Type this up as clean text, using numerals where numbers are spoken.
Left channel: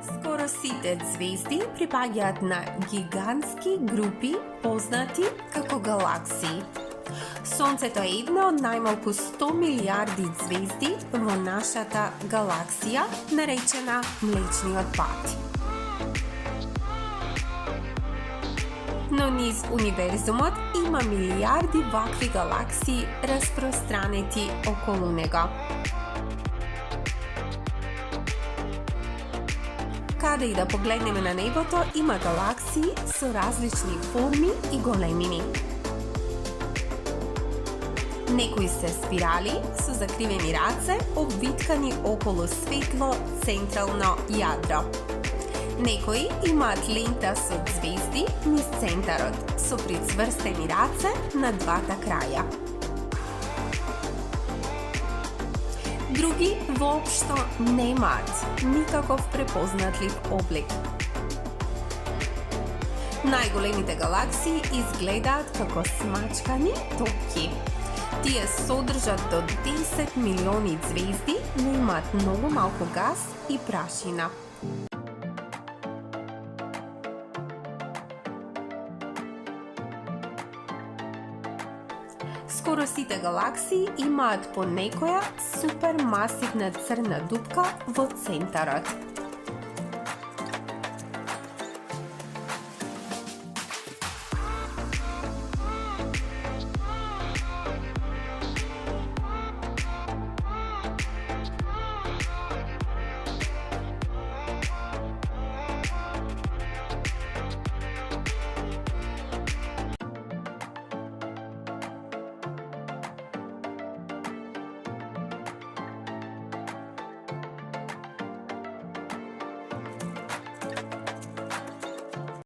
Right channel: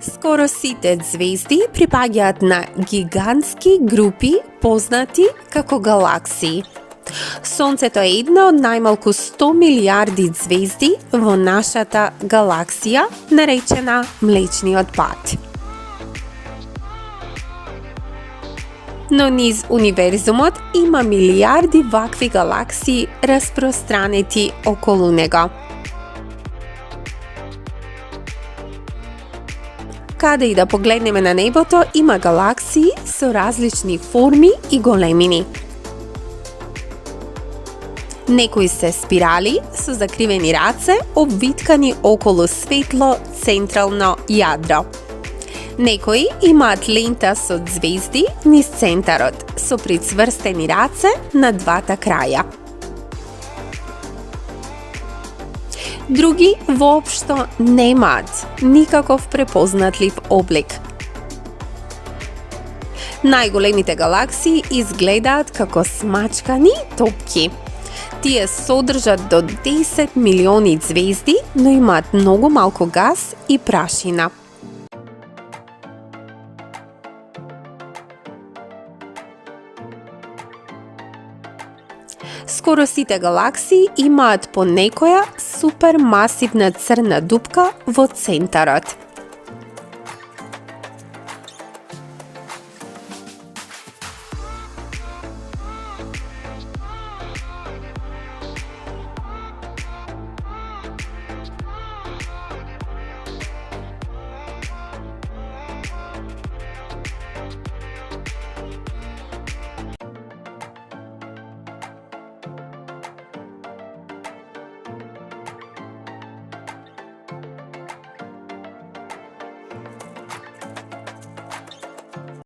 Скоро сите звезди припаѓаат на гигантски групи познати како галаксии. Сонцето е една од најмалку 100 милиарди звезди во нашата галаксија, наречена Млечниот пат. Но низ универзумот има милиарди вакви галаксии распространети околу него. Каде и да погледнеме на небото, има галаксии со различни форми и големини. Некои се спирали со закривени раце, обвиткани околу светло централно јадро. Некои имаат лента со звезди низ центарот, со прицврстени раце на двата краја. Други воопшто немаат никаков препознатлив облик. Најголемите галаксии изгледаат како смачкани топки. Тие содржат до 10 милиони звезди, но имаат многу малку гас и прашина. Скоро сите галаксии имаат по некоја супермасивна црна дупка во центарот.